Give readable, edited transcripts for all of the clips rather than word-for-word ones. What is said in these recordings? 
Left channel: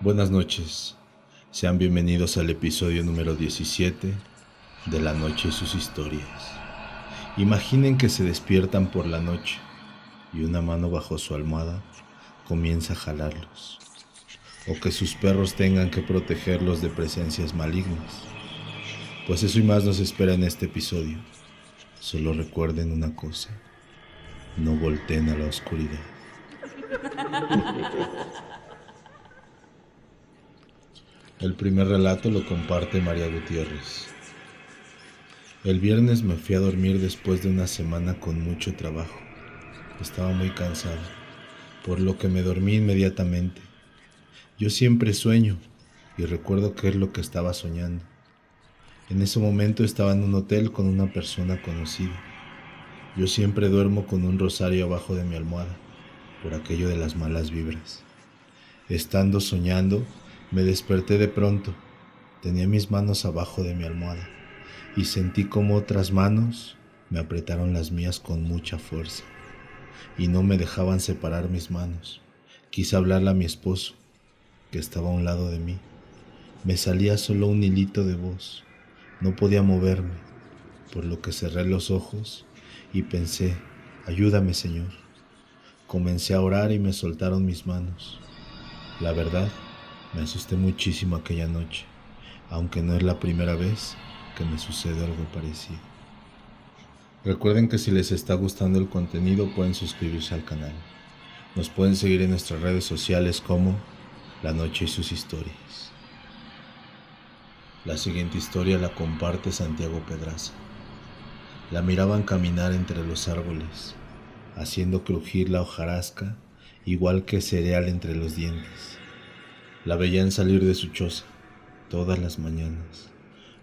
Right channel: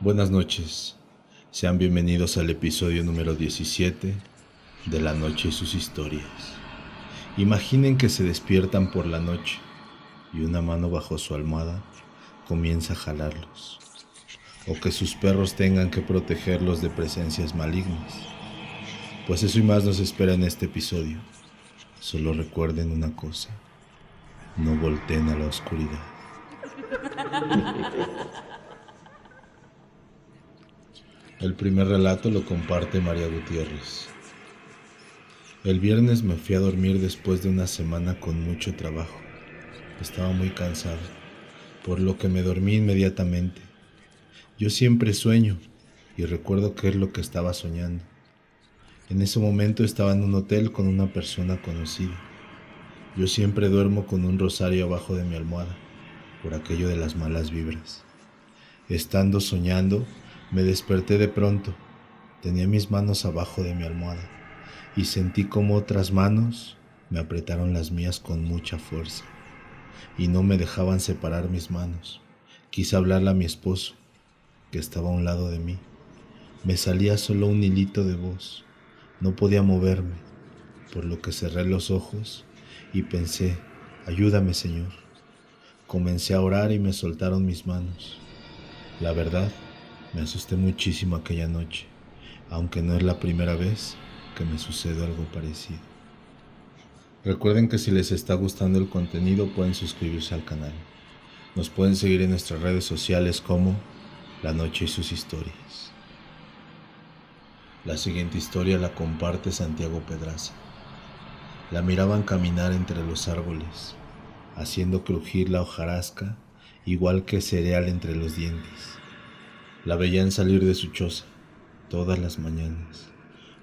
Buenas noches, sean bienvenidos al episodio número 17 de La Noche y sus historias. Imaginen que se despiertan por la noche y una mano bajo su almohada comienza a jalarlos, o que sus perros tengan que protegerlos de presencias malignas. Pues eso y más nos espera en este episodio. Solo recuerden una cosa: no volteen a la oscuridad. El primer relato lo comparte María Gutiérrez. El viernes me fui a dormir después de una semana con mucho trabajo. Estaba muy cansado, por lo que me dormí inmediatamente. Yo siempre sueño y recuerdo qué es lo que estaba soñando. En ese momento estaba en un hotel con una persona conocida. Yo siempre duermo con un rosario abajo de mi almohada, por aquello de las malas vibras. Estando soñando, me desperté de pronto. Tenía mis manos abajo de mi almohada y sentí como otras manos me apretaron las mías con mucha fuerza y no me dejaban separar mis manos. Quise hablarle a mi esposo, que estaba a un lado de mí. Me salía solo un hilito de voz. No podía moverme, por lo que cerré los ojos y pensé: ayúdame, Señor. Comencé a orar y me soltaron mis manos. La verdad, me asusté muchísimo aquella noche, aunque no es la primera vez que me sucede algo parecido. Recuerden que si les está gustando el contenido pueden suscribirse al canal. Nos pueden seguir en nuestras redes sociales como La Noche y sus historias. La siguiente historia la comparte Santiago Pedraza. La miraban caminar entre los árboles, haciendo crujir la hojarasca igual que cereal entre los dientes. La veían salir de su choza todas las mañanas,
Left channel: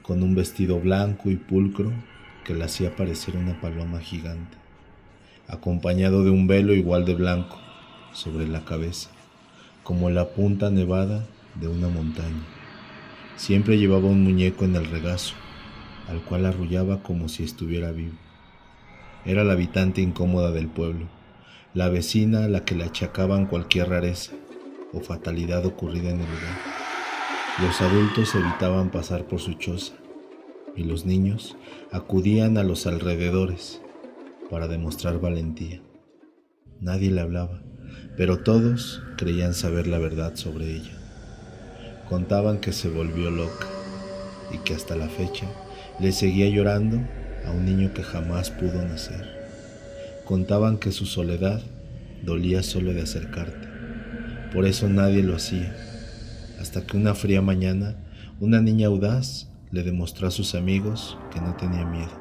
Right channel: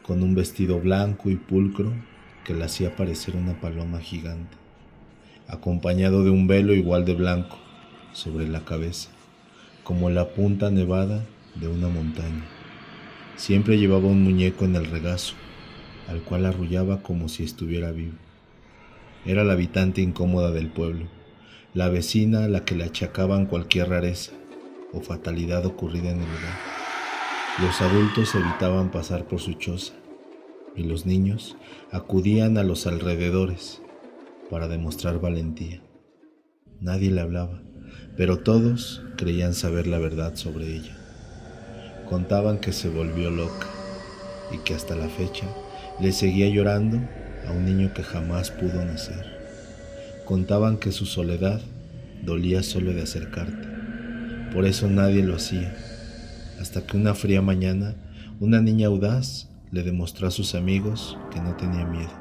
con un vestido blanco y pulcro que la hacía parecer una paloma gigante, acompañado de un velo igual de blanco sobre la cabeza, como la punta nevada de una montaña. Siempre llevaba un muñeco en el regazo, al cual arrullaba como si estuviera vivo. Era la habitante incómoda del pueblo, la vecina a la que le achacaban cualquier rareza o fatalidad ocurrida en el lugar. Los adultos evitaban pasar por su choza y los niños acudían a los alrededores para demostrar valentía. Nadie le hablaba, pero todos creían saber la verdad sobre ella. Contaban que se volvió loca y que hasta la fecha le seguía llorando a un niño que jamás pudo nacer. Contaban que su soledad dolía solo de acercarte, por eso nadie lo hacía, hasta que una fría mañana una niña audaz le demostró a sus amigos que no tenía miedo.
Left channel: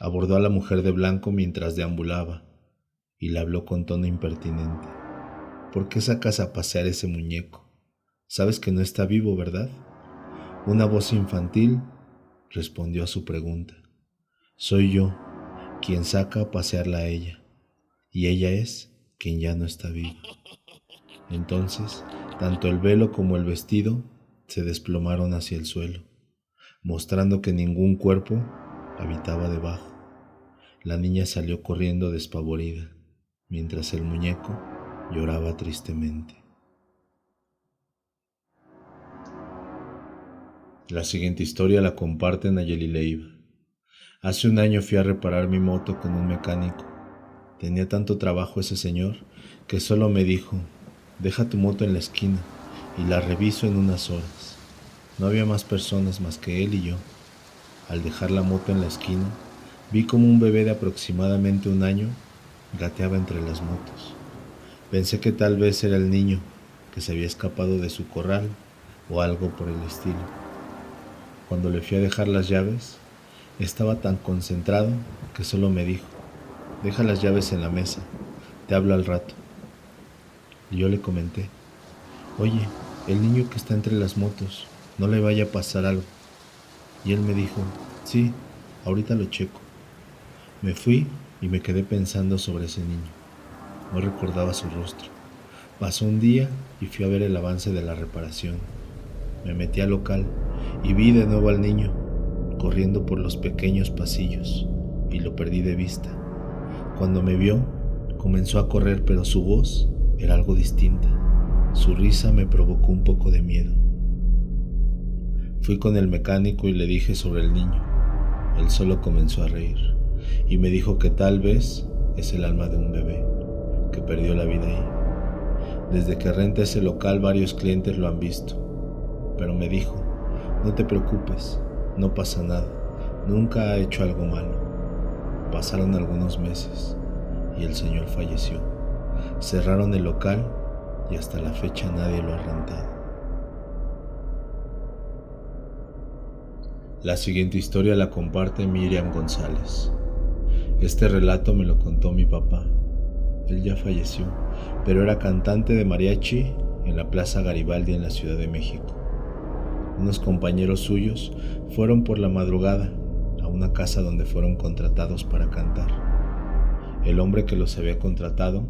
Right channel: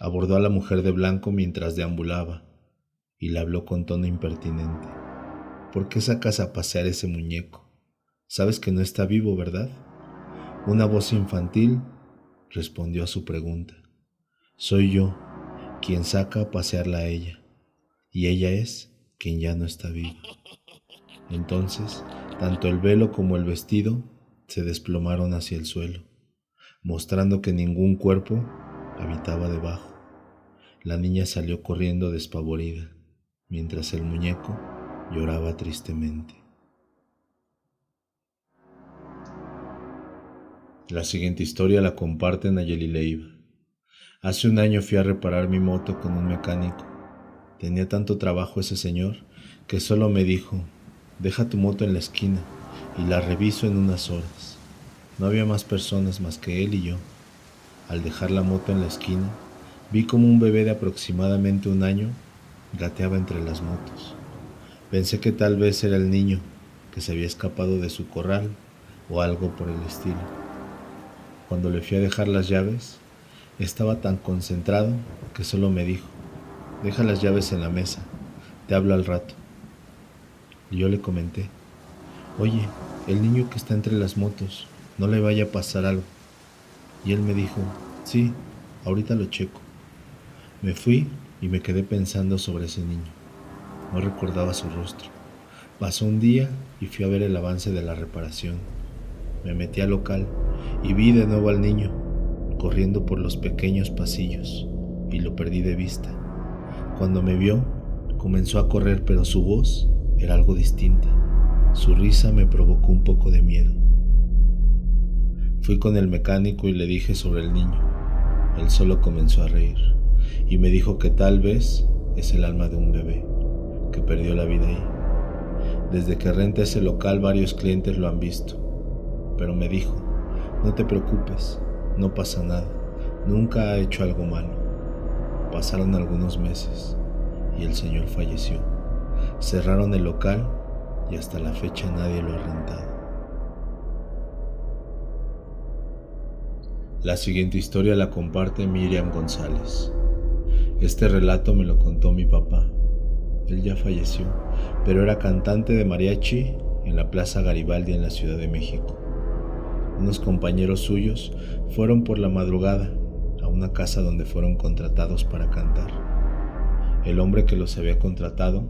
Abordó a la mujer de blanco mientras deambulaba y le habló con tono impertinente: ¿por qué sacas a pasear ese muñeco? Sabes que no está vivo, ¿verdad? Una voz infantil respondió a su pregunta: soy yo quien saca a pasearla a ella, y ella es quien ya no está viva. Entonces, tanto el velo como el vestido se desplomaron hacia el suelo, mostrando que ningún cuerpo habitaba debajo. La niña salió corriendo despavorida, mientras el muñeco lloraba tristemente. La siguiente historia la comparte Nayeli Leiva. Hace un año fui a reparar mi moto con un mecánico. Tenía tanto trabajo ese señor que solo me dijo: deja tu moto en la esquina y la reviso en unas horas. No había más personas más que él y yo. Al dejar la moto en la esquina, vi como un bebé de aproximadamente un año gateaba entre las motos. Pensé que tal vez era el niño que se había escapado de su corral o algo por el estilo. Cuando le fui a dejar las llaves, estaba tan concentrado que solo me dijo: deja las llaves en la mesa, te hablo al rato. Y yo le comenté: oye, el niño que está entre las motos, no le vaya a pasar algo. Y él me dijo: sí, ahorita lo checo. Me fui y me quedé pensando sobre ese niño. No recordaba su rostro. Pasó un día y fui a ver el avance de la reparación. Me metí al local y vi de nuevo al niño corriendo por los pequeños pasillos, y lo perdí de vista. Cuando me vio, comenzó a correr, pero su voz era algo distinta. Su risa me provocó un poco de miedo. Fui con el mecánico y le dije sobre el niño. Él solo comenzó a reír y me dijo que tal vez es el alma de un bebé que perdió la vida ahí. Desde que renta ese local varios clientes lo han visto, pero me dijo, no te preocupes, no pasa nada, nunca ha hecho algo malo. Pasaron algunos meses y el señor falleció. Cerraron el local y hasta la fecha nadie lo ha rentado. La siguiente historia la comparte Miriam González. Este relato me lo contó mi papá. Él ya falleció, pero era cantante de mariachi en la Plaza Garibaldi en la Ciudad de México. Unos compañeros suyos fueron por la madrugada a una casa donde fueron contratados para cantar. El hombre que los había contratado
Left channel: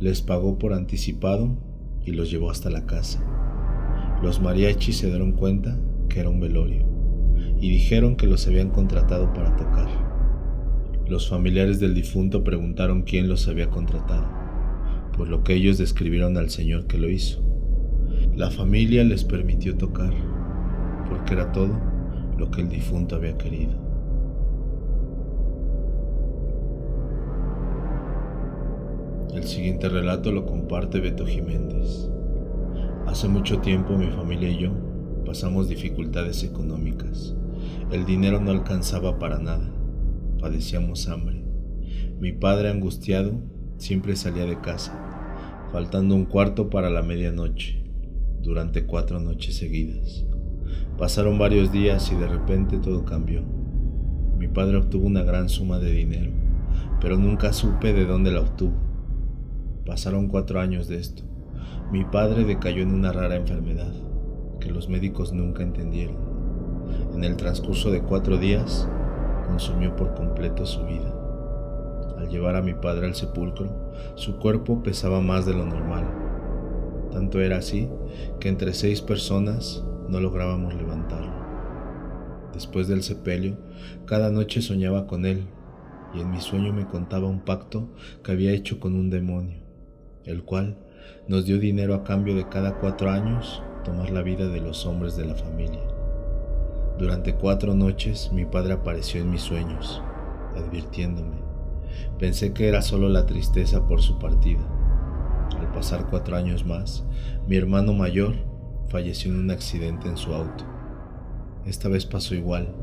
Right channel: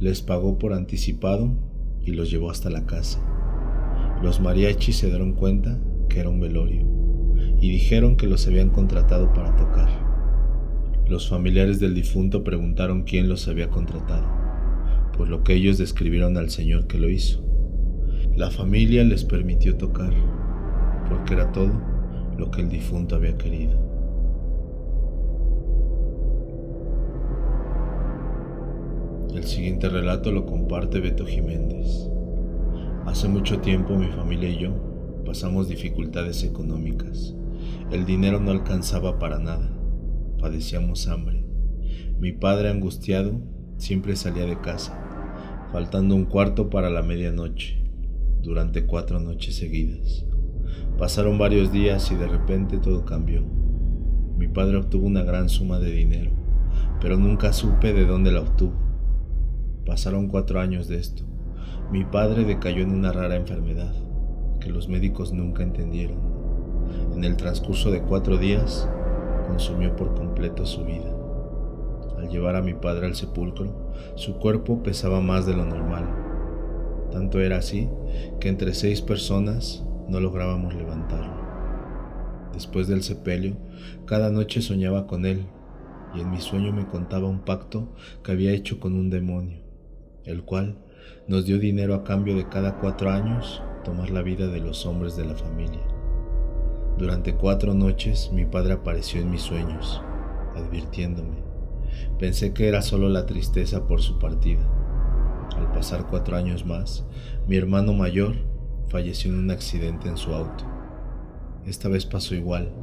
les pagó por anticipado y los llevó hasta la casa. Los mariachis se dieron cuenta que era un velorio y dijeron que los habían contratado para tocar. Los familiares del difunto preguntaron quién los había contratado, por lo que ellos describieron al señor que lo hizo. La familia les permitió tocar, porque era todo lo que el difunto había querido. El siguiente relato lo comparte Beto Jiménez. Hace mucho tiempo mi familia y yo pasamos dificultades económicas. El dinero no alcanzaba para nada. Padecíamos hambre. Mi padre, angustiado, siempre salía de casa, faltando un cuarto para la medianoche, durante 4 noches seguidas. Pasaron varios días y de repente todo cambió. Mi padre obtuvo una gran suma de dinero, pero nunca supe de dónde la obtuvo. Pasaron 4 años de esto. Mi padre decayó en una rara enfermedad que los médicos nunca entendieron. En el transcurso de 4 días, consumió por completo su vida. Al llevar a mi padre al sepulcro, su cuerpo pesaba más de lo normal. Tanto era así que entre 6 personas no lográbamos levantarlo. Después del sepelio, cada noche soñaba con él y en mi sueño me contaba un pacto que había hecho con un demonio, el cual nos dio dinero a cambio de cada 4 años tomar la vida de los hombres de la familia. Durante 4 noches mi padre apareció en mis sueños, advirtiéndome. Pensé que era solo la tristeza por su partida. Al pasar 4 años más, mi hermano mayor falleció en un accidente en su auto. Esta vez pasó igual.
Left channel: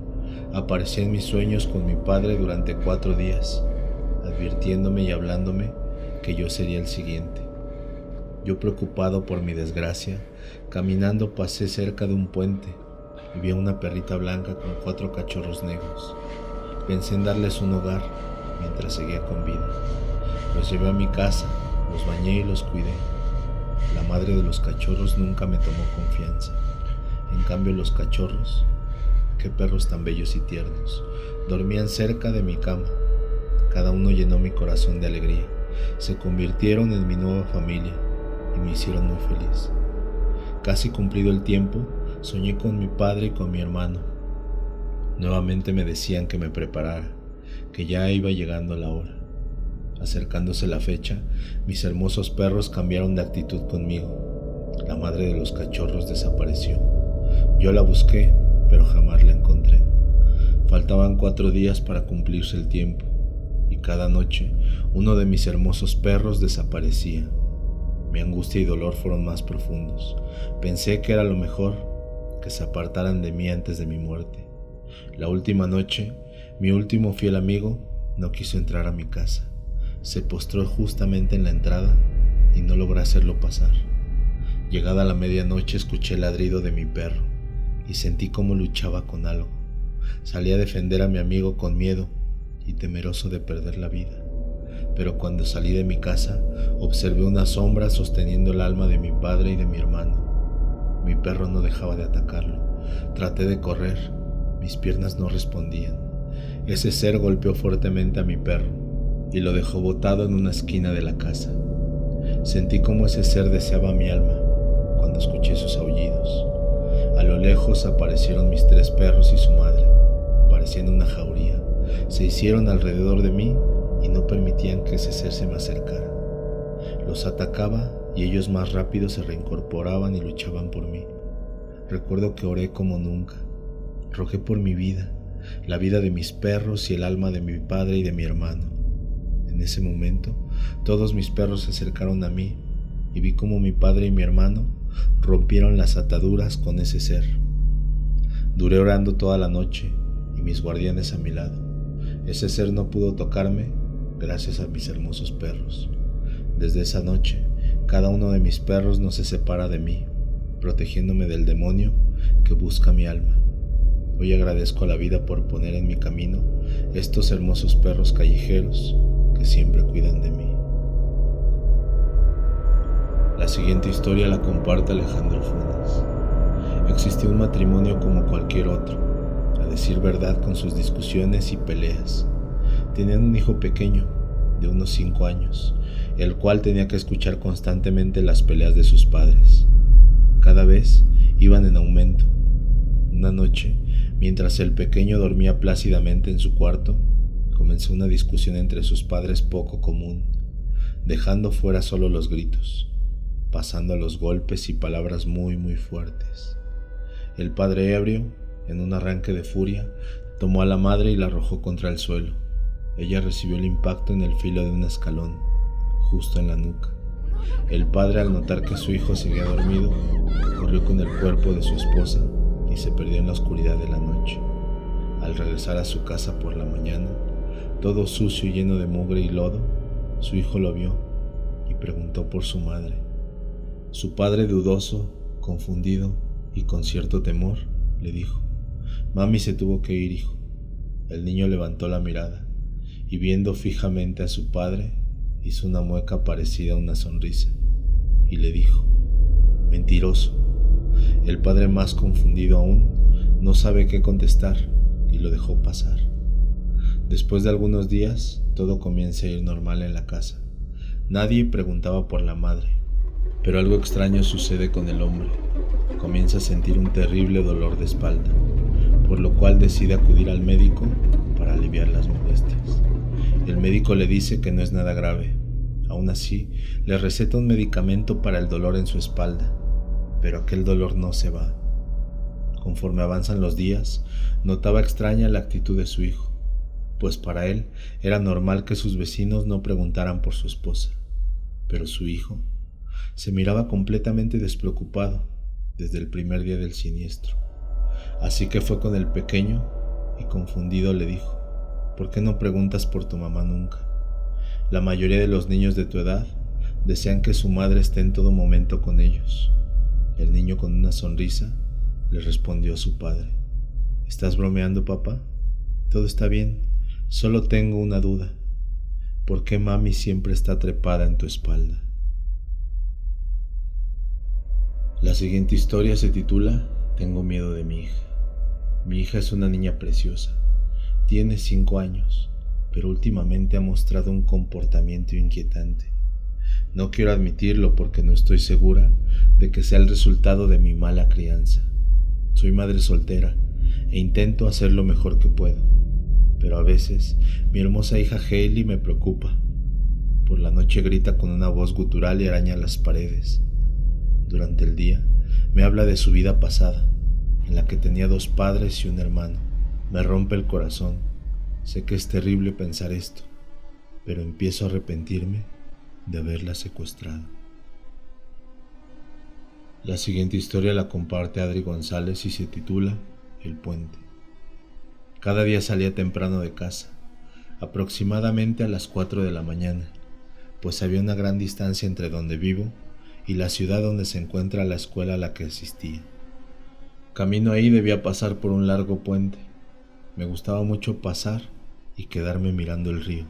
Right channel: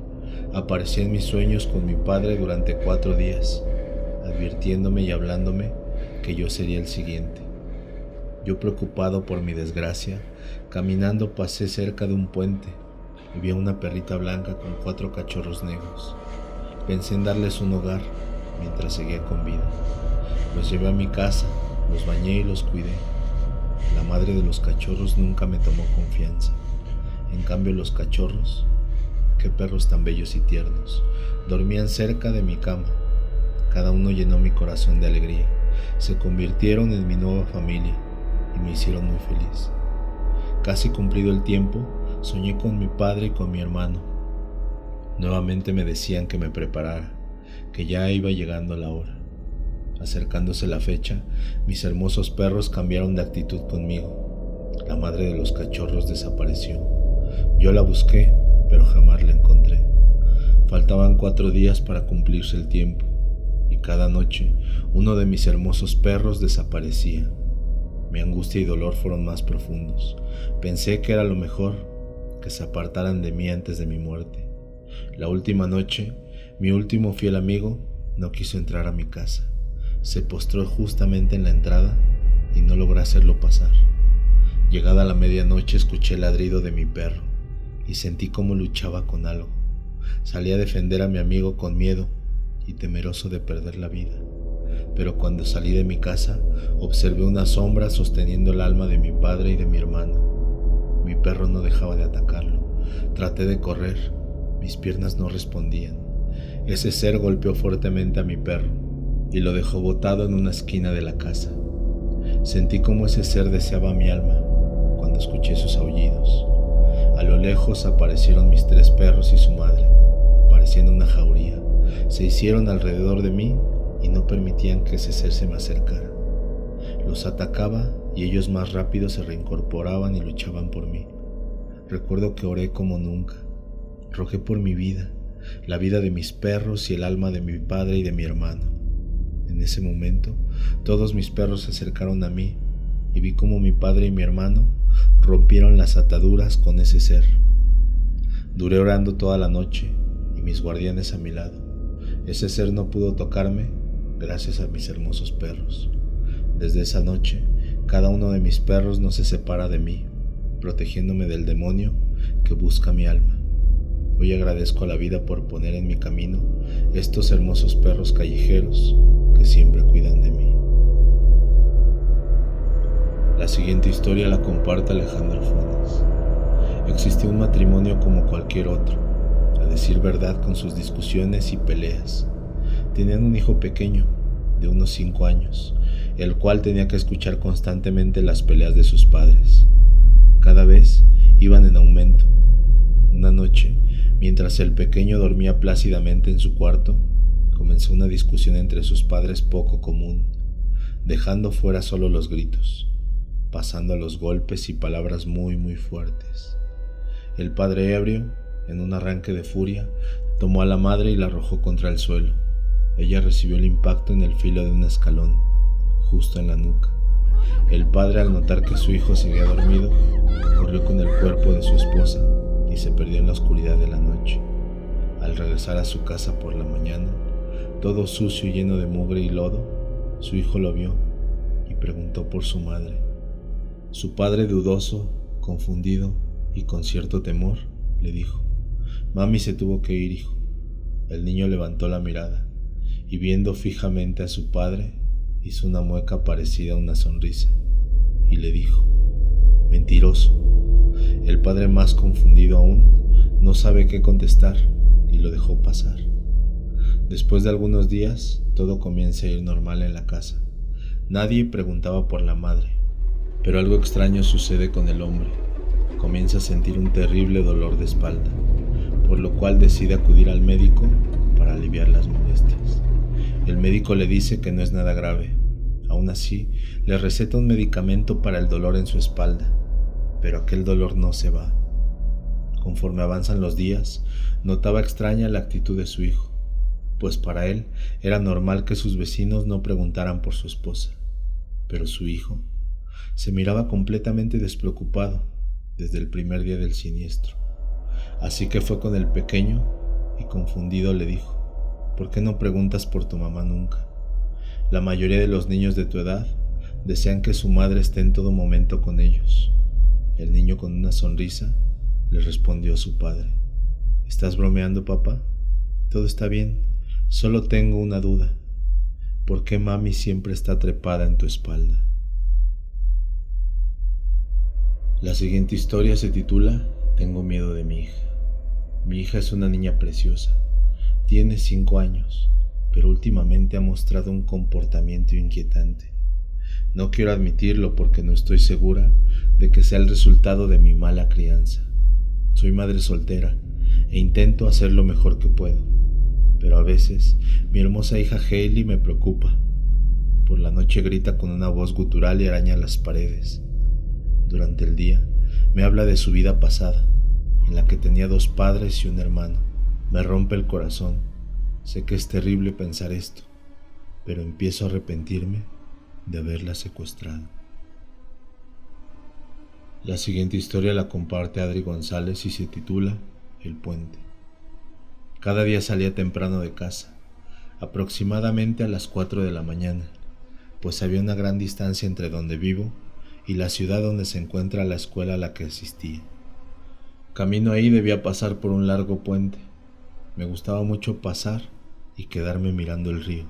Aparecí en mis sueños con mi padre durante 4 días, advirtiéndome y hablándome que yo sería el siguiente. Yo, preocupado por mi desgracia, caminando pasé cerca de un puente y vi a una perrita blanca con 4 cachorros negros. Pensé en darles un hogar mientras seguía con vida. Los llevé a mi casa, los bañé y los cuidé. La madre de los cachorros nunca me tomó confianza. En cambio, los cachorros, qué perros tan bellos y tiernos, dormían cerca de mi cama. Cada uno llenó mi corazón de alegría. Se convirtieron en mi nueva familia y me hicieron muy feliz. Casi cumplido el tiempo, soñé con mi padre y con mi hermano. Nuevamente me decían que me preparara, que ya iba llegando la hora. Acercándose la fecha, mis hermosos perros cambiaron de actitud conmigo. La madre de los cachorros desapareció. Yo la busqué, pero jamás la encontré. Faltaban 4 días para cumplirse el tiempo, y cada noche uno de mis hermosos perros desaparecía. Mi angustia y dolor fueron más profundos. Pensé que era lo mejor, que se apartaran de mí antes de mi muerte. La última noche, mi último fiel amigo no quiso entrar a mi casa. Se postró justamente en la entrada y no logré hacerlo pasar. Llegada la medianoche, escuché el ladrido de mi perro y sentí cómo luchaba con algo. Salí a defender a mi amigo con miedo y temeroso de perder la vida. Pero cuando salí de mi casa, observé una sombra sosteniendo el alma de mi padre y de mi hermano. Mi perro no dejaba de atacarlo. Traté de correr, mis piernas no respondían. Ese ser golpeó fuertemente a mi perro y lo dejó botado en una esquina de la casa. Sentí como ese ser deseaba mi alma cuando escuché sus aullidos. A lo lejos aparecieron mis 3 perros y su madre, pareciendo una jauría. se hicieron alrededor de mí y no permitían que ese ser se me acercara. Los atacaba y ellos más rápido se reincorporaban y luchaban por mí. Recuerdo que oré como nunca. Rogué por mi vida, la vida de mis perros y el alma de mi padre y de mi hermano. En ese momento, todos mis perros se acercaron a mí y vi cómo mi padre y mi hermano rompieron las ataduras con ese ser. Duré orando toda la noche y mis guardianes a mi lado. Ese ser no pudo tocarme gracias a mis hermosos perros. Desde esa noche, cada uno de mis perros no se separa de mí, protegiéndome del demonio que busca mi alma. Hoy agradezco a la vida por poner en mi camino estos hermosos perros callejeros que siempre cuidan de mí. La siguiente historia la comparte Alejandro Funes. Existía un matrimonio como cualquier otro, a decir verdad con sus discusiones y peleas. Tenían un hijo pequeño, de unos 5 años, el cual tenía que escuchar constantemente las peleas de sus padres. Cada vez iban en aumento. Una noche, mientras el pequeño dormía plácidamente en su cuarto, comenzó una discusión entre sus padres poco común, dejando fuera solo los gritos, pasando a los golpes y palabras muy fuertes. El padre ebrio, en un arranque de furia, tomó a la madre y la arrojó contra el suelo. Ella recibió el impacto en el filo de un escalón, justo en la nuca. El padre, al notar que su hijo seguía dormido, corrió con el cuerpo de su esposa y se perdió en la oscuridad de la noche. Al regresar a su casa por la mañana, todo sucio y lleno de mugre y lodo, su hijo lo vio y preguntó por su madre. Su padre, dudoso, confundido y con cierto temor, le dijo: «Mami se tuvo que ir, hijo». El niño levantó la mirada y, viendo fijamente a su padre, hizo una mueca parecida a una sonrisa y le dijo: «Mentiroso». El padre, más confundido aún, no sabe qué contestar y lo dejó pasar. Después de algunos días, todo comienza a ir normal en la casa. Nadie preguntaba por la madre, pero algo extraño sucede con el hombre. Comienza a sentir un terrible dolor de espalda, por lo cual decide acudir al médico para aliviar las molestias. El médico le dice que no es nada grave. Aún así, le receta un medicamento para el dolor en su espalda, pero aquel dolor no se va. Conforme avanzan los días, notaba extraña la actitud de su hijo, pues para él era normal que sus vecinos no preguntaran por su esposa, pero su hijo se miraba completamente despreocupado desde el primer día del siniestro. Así que fue con el pequeño y, confundido, le dijo: «¿Por qué no preguntas por tu mamá nunca? La mayoría de los niños de tu edad desean que su madre esté en todo momento con ellos». El niño, con una sonrisa, le respondió a su padre: «¿Estás bromeando, papá? Todo está bien, solo tengo una duda. ¿Por qué mami siempre está trepada en tu espalda?». La siguiente historia se titula «Tengo miedo de mi hija». Mi hija es una niña preciosa. Tiene 5 años, pero últimamente ha mostrado un comportamiento inquietante. No quiero admitirlo porque no estoy segura de que sea el resultado de mi mala crianza. Soy madre soltera e intento hacer lo mejor que puedo, pero a veces mi hermosa hija Hailey me preocupa. Por la noche grita con una voz gutural y araña las paredes. Durante el día me habla de su vida pasada, en la que tenía 2 padres y un hermano. Me rompe el corazón. Sé que es terrible pensar esto, pero empiezo a arrepentirme de haberla secuestrado. La siguiente historia la comparte Adri González y se titula El puente. Cada día salía temprano de casa, aproximadamente a las 4 de la mañana, pues había una gran distancia entre donde vivo y la ciudad donde se encuentra la escuela a la que asistía. Camino ahí debía pasar por un largo puente. Me gustaba mucho pasar y quedarme mirando el río.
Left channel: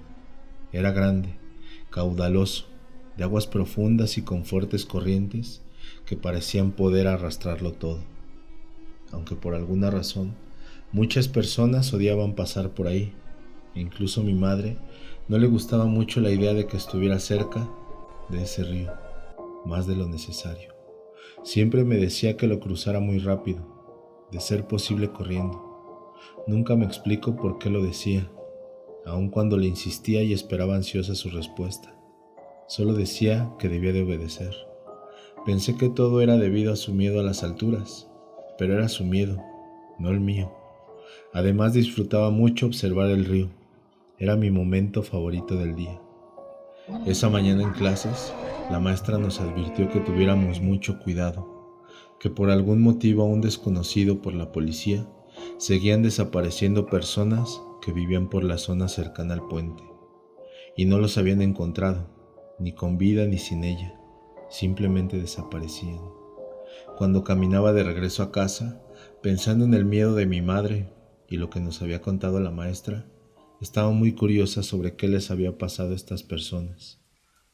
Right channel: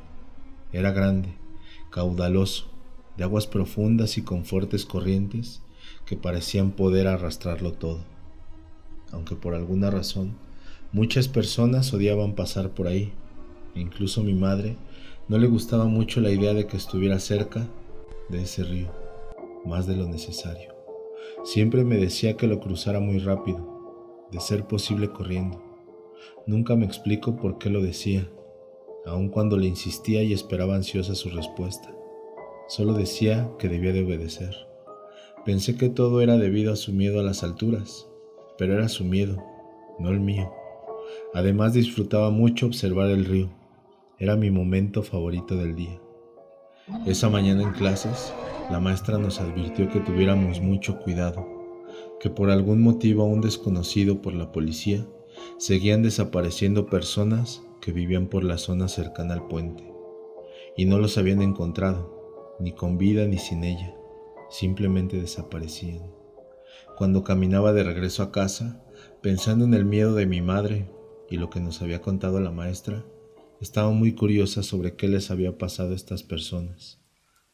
Era grande, caudaloso, de aguas profundas y con fuertes corrientes que parecían poder arrastrarlo todo. Aunque por alguna razón muchas personas odiaban pasar por ahí, e incluso mi madre no le gustaba mucho la idea de que estuviera cerca de ese río, más de lo necesario. Siempre me decía que lo cruzara muy rápido, de ser posible corriendo. Nunca me explico por qué lo decía, aun cuando le insistía y esperaba ansiosa su respuesta. Solo decía que debía de obedecer. Pensé que todo era debido a su miedo a las alturas, pero era su miedo, no el mío. Además disfrutaba mucho observar el río. Era mi momento favorito del día. Esa mañana en clases, la maestra nos advirtió que tuviéramos mucho cuidado, que por algún motivo aún desconocido por la policía, seguían desapareciendo personas que vivían por la zona cercana al puente, y no los habían encontrado, ni con vida ni sin ella, simplemente desaparecían. Cuando caminaba de regreso a casa, pensando en el miedo de mi madre y lo que nos había contado la maestra, estaba muy curiosa sobre qué les había pasado a estas personas,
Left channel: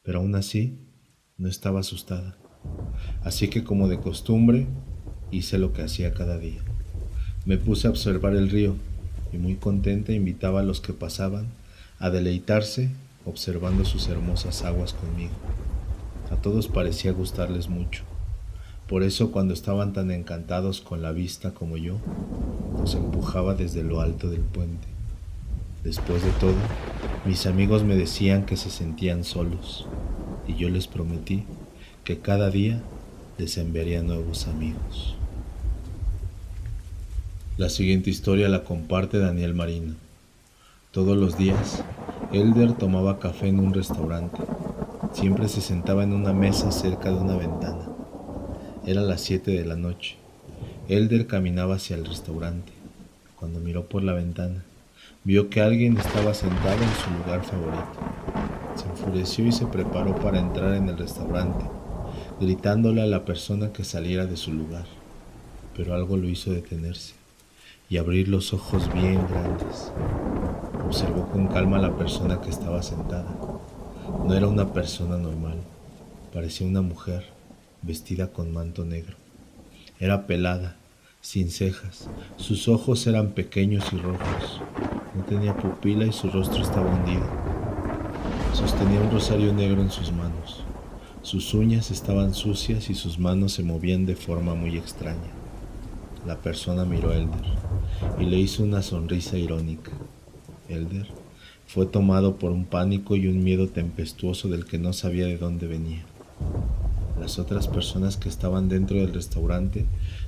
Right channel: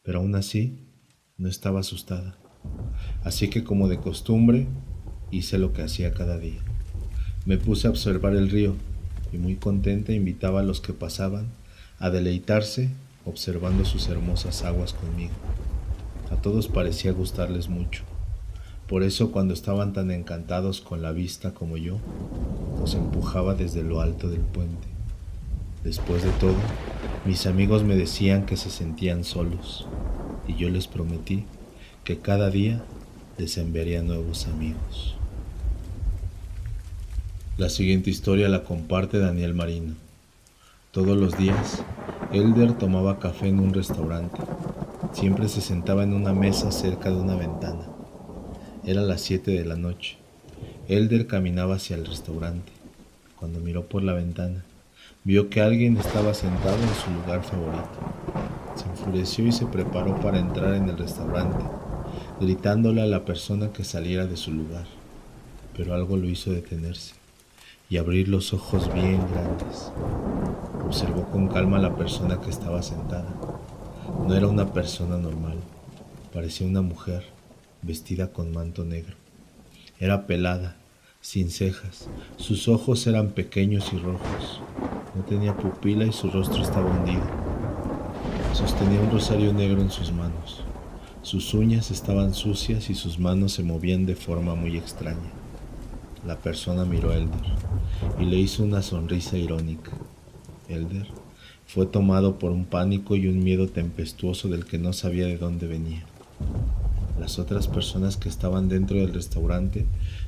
pero aún así no estaba asustada. Así que, como de costumbre, hice lo que hacía cada día. Me puse a observar el río y muy contenta invitaba a los que pasaban a deleitarse observando sus hermosas aguas conmigo. A todos parecía gustarles mucho. Por eso, cuando estaban tan encantados con la vista como yo, los empujaba desde lo alto del puente. Después de todo, mis amigos me decían que se sentían solos, y yo les prometí que cada día les enviaría nuevos amigos. La siguiente historia la comparte Daniel Marino. Todos los días, Elder tomaba café en un restaurante. Siempre se sentaba en una mesa cerca de una ventana. Era las 7 de la noche. Elder caminaba hacia el restaurante. Cuando miró por la ventana, vio que alguien estaba sentado en su lugar favorito. Se enfureció y se preparó para entrar en el restaurante, gritándole a la persona que saliera de su lugar. Pero algo lo hizo detenerse y abrir los ojos bien grandes. Observó con calma a la persona que estaba sentada. No era una persona normal, parecía una mujer, vestida con manto negro. Era pelada, sin cejas, sus ojos eran pequeños y rojos. No tenía pupila y su rostro estaba hundido. Sostenía un rosario negro en sus manos. Sus uñas estaban sucias y sus manos se movían de forma muy extraña. La persona miró a Elder y le hizo una sonrisa irónica. Elder fue tomado por un pánico y un miedo tempestuoso del que no sabía de dónde venía. Las otras personas que estaban dentro del restaurante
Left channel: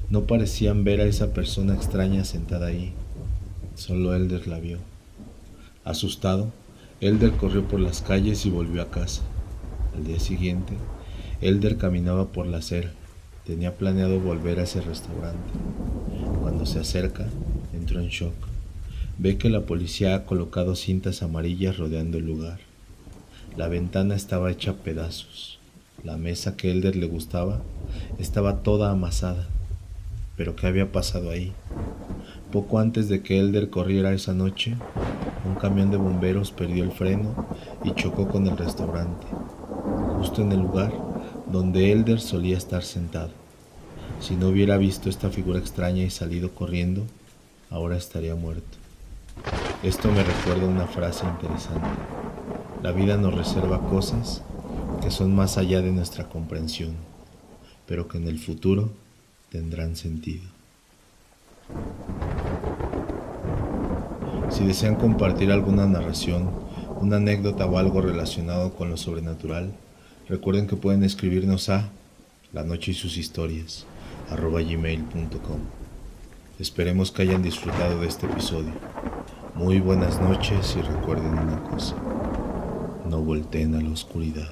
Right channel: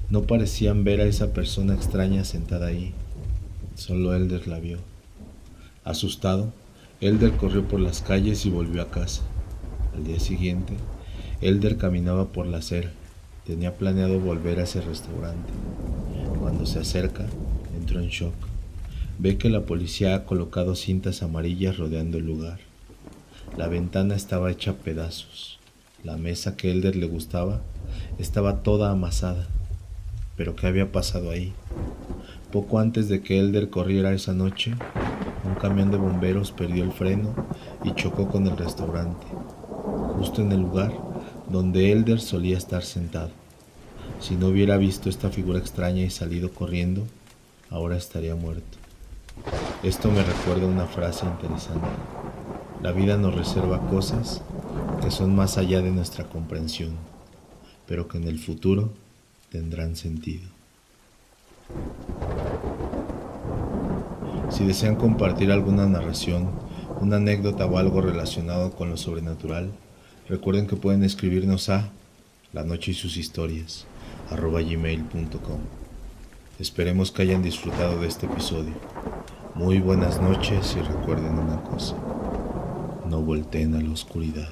no parecían ver a esa persona extraña sentada ahí. Solo Elder la vio. Asustado, Elder corrió por las calles y volvió a casa. Al día siguiente, Elder caminaba por la acera. Tenía planeado volver a ese restaurante. Cuando se acerca, entró en shock. Ve que la policía ha colocado cintas amarillas rodeando el lugar. La ventana estaba hecha a pedazos. La mesa que Elder le gustaba estaba toda amasada. ¿Pero qué había pasado ahí? Poco antes de que Elder corriera esa noche, un camión de bomberos perdió el freno y chocó con el restaurante, justo en el lugar donde Elder solía estar sentado. Si no hubiera visto esta figura extraña y salido corriendo, ahora estaría muerto. Esto me recuerda una frase interesante. La vida nos reserva cosas que son más allá de nuestra comprensión, pero que en el futuro tendrán sentido. Si desean compartir alguna narración, una anécdota o algo relacionado con lo sobrenatural, recuerden que pueden escribirnos a lanocheysushistorias@gmail.com. Esperemos que hayan disfrutado de este episodio. Muy buenas noches y recuerden una cosa: no volteen a la oscuridad.